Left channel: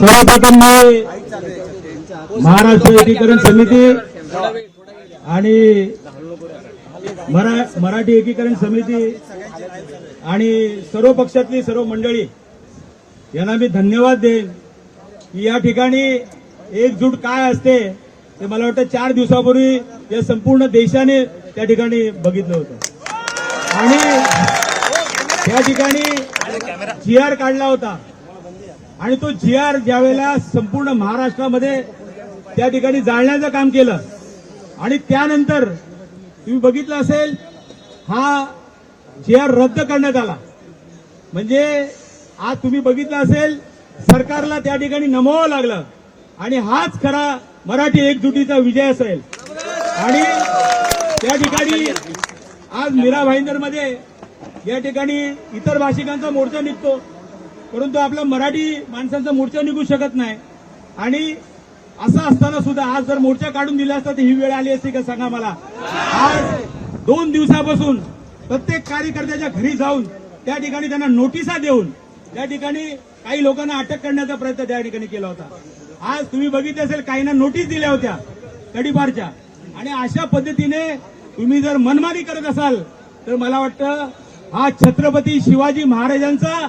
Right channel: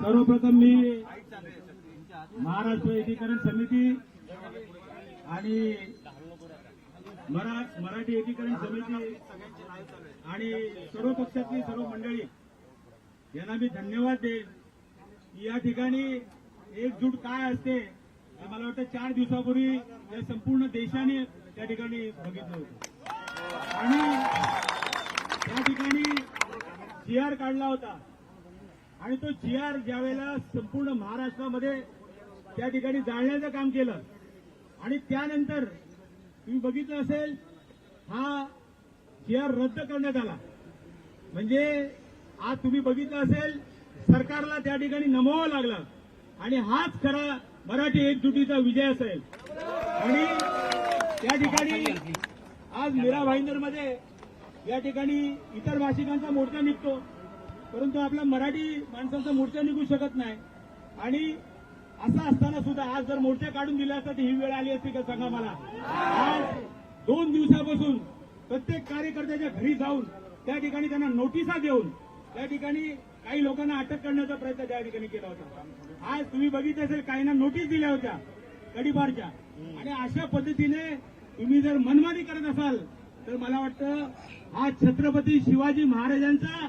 सर्वप्रथम मी महाराष्ट्र एकीकरण समिती आणि मराठी एकीकरण समिती आणि सर्व पक्षातली सर्व मंडळी यांना मी धन्यवाद देईन की या ठिकाणी एकजूट काय असते ते मला वाटतं 4 दिवसापूर्वी या संपूर्ण देशाने त्या ठिकाणी बघितलं होतं आणि त्या ठिकाणी GR काढला होता आणि तो GR ज्यावेळेला संपूर्ण महाराष्ट्रामध्ये त्या ठिकाणी जाळण्याचं काम केलं आणि त्यानंतर तुम्ही बघितलं असेल हा GR रद्द करण्यात आला. म्हणजे आज तुम्ही बघितलं असेल सरकारला त्या ठिकाणी नमवावं लागलं आणि हाच खरा मराठी एकजुटीचा विजय असेल. आणि त्या ठिकाणी आज मीरा भाईंदरमध्ये या ठिकाणी इतर भाषिकांचा मोर्चा निघतो परंतु आपला मराठी माणसांचा मोर्चा निघू शकत नाही. आणि असं असताना सुद्धा आज जर मोर्चा काढून दिला असता तर ही वेळ आली असती का सांगा मला. आज 2 दिवसापासून प्रत्येक कार्यकर्त्याच्या घरी जाऊन त्या ठिकाणी त्यांना नोटिसा देऊन त्या ठिकाणी काही लोकांना अटक करण्याचा प्रयत्न त्या ठिकाणी केला होता. आज तुम्ही बघितलं असेल काहींना नोटीस दिल्या होत्या तडीपारच्या. आणि अशा पद्धतीने तुम्ही जर मनमानी करत असाल तर मला वाटतं हा छत्रपती शिवाजी महाराजांचा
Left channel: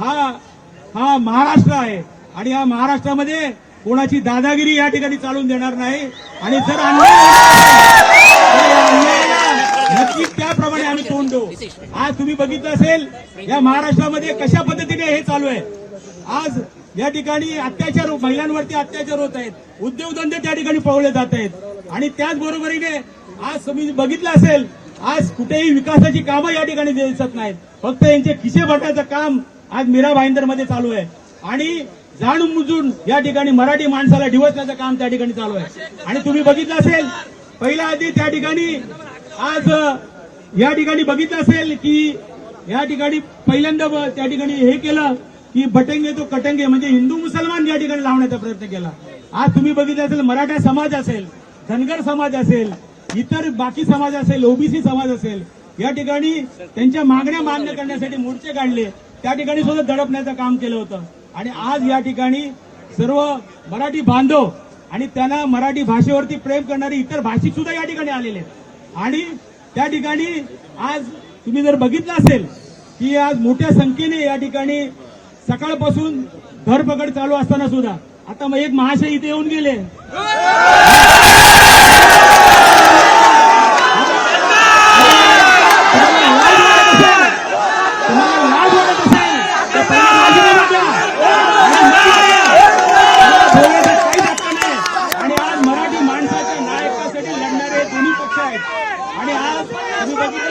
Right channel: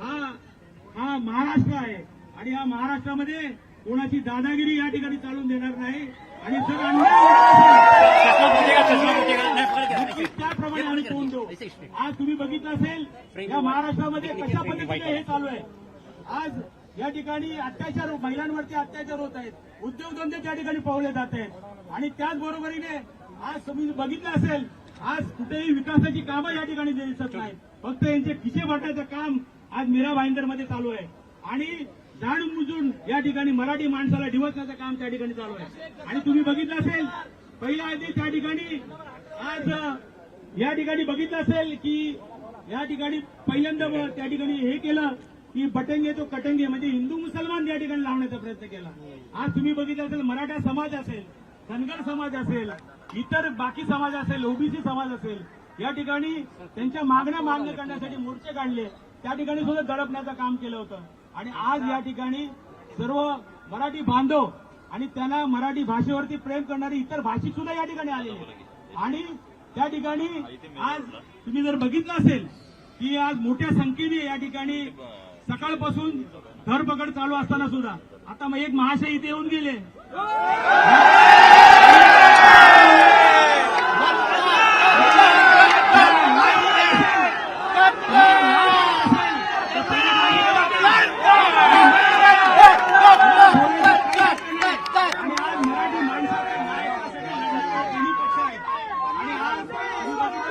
हा महाराष्ट्र आहे आणि या महाराष्ट्रामध्ये कोणाची दादागिरी या ठिकाणी चालून देणार नाही. आणि जर नक्कीच त्याप्रमाणे आम्ही तोंड देऊ. आज तुम्ही बघितलं असेल या महाराष्ट्रामध्ये कशा पद्धतीने हे चालू आहे. आज या ठिकाणी अत्याचार महिलांवरती अत्याचार होत आहेत, उद्योगधंदे त्या ठिकाणी पळवले जात आहेत आणि त्याचबरोबरीने आज तुम्ही बघितलं असेल आज कुठेही विकासाची कामं या ठिकाणी दिसत नाहीत. फक्त यांचे खिसे भरण्याचं काम आज मीरा भाईंदरमध्ये चालू आहे आणि जाणून बुजून या ठिकाणी मराठी माणसाला डिवचण्याचं काम त्या ठिकाणी चालू आहे. आणि तुम्ही बघितलं असेल पहिल्या आधी त्या ठिकाणी आज या ठिकाणी बघितलं असेल की या ठिकाणी पहिल्यांदा त्या ठिकाणी हे केलं की बटेंगे तो कटेंगे म्हणजे हिंदू मुसलमान या ठिकाणी लावण्याचा प्रयत्न केला. आज तुम्ही बघितलं असेल मराठा समाज असेल, धनगर समाज असेल, इतर बाकी समाज असेल, ओबीसी समाज असेल, या ठिकाणी त्यांच्या मागण्या मान्य करण्यासाठी मोर्चे काढले, त्या ठिकाणी सुद्धा दडपण्याचं काम केलं होतं. आणि आज या ठिकाणी सर्व मराठी बांधव आणि त्यांना मराठी भाषेवरती प्रेम करणारे इतर भाषिक सुद्धा या ठिकाणी आलेले आणि त्या ठिकाणी आज तुम्ही जर बघितलं असेल की आज मोठ्या संख्येने या ठिकाणी सकाळपासून धरपकड चालू असताना सुद्धा आता मग एक महाशय इथे येऊन गेले. आणि आज मराठी माणसाच्या नायकासाठी लढणारे दोन्ही पक्ष आहेत. आणि आज तुम्ही बघितलं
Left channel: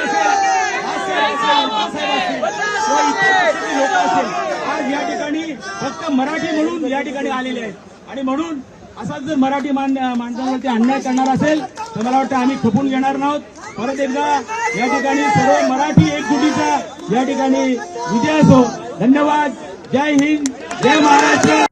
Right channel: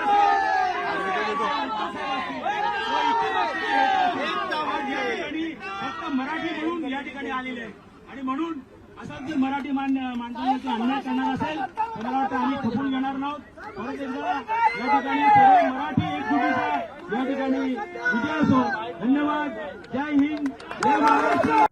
आज या ठिकाणी फक्त मराठी म्हणून या ठिकाणी आलेले आहेत. आणि म्हणून असाच जर मराठी माणसांवरती अन्याय करणार असेल तर मला वाटतं आम्ही खपून घेणार नाहोत. परत एकदा या ठिकाणी सर्व मराठी एकजुटीचा या ठिकाणी विजय असो. धन्यवाद. जय हिंद, जय महाराष्ट्र.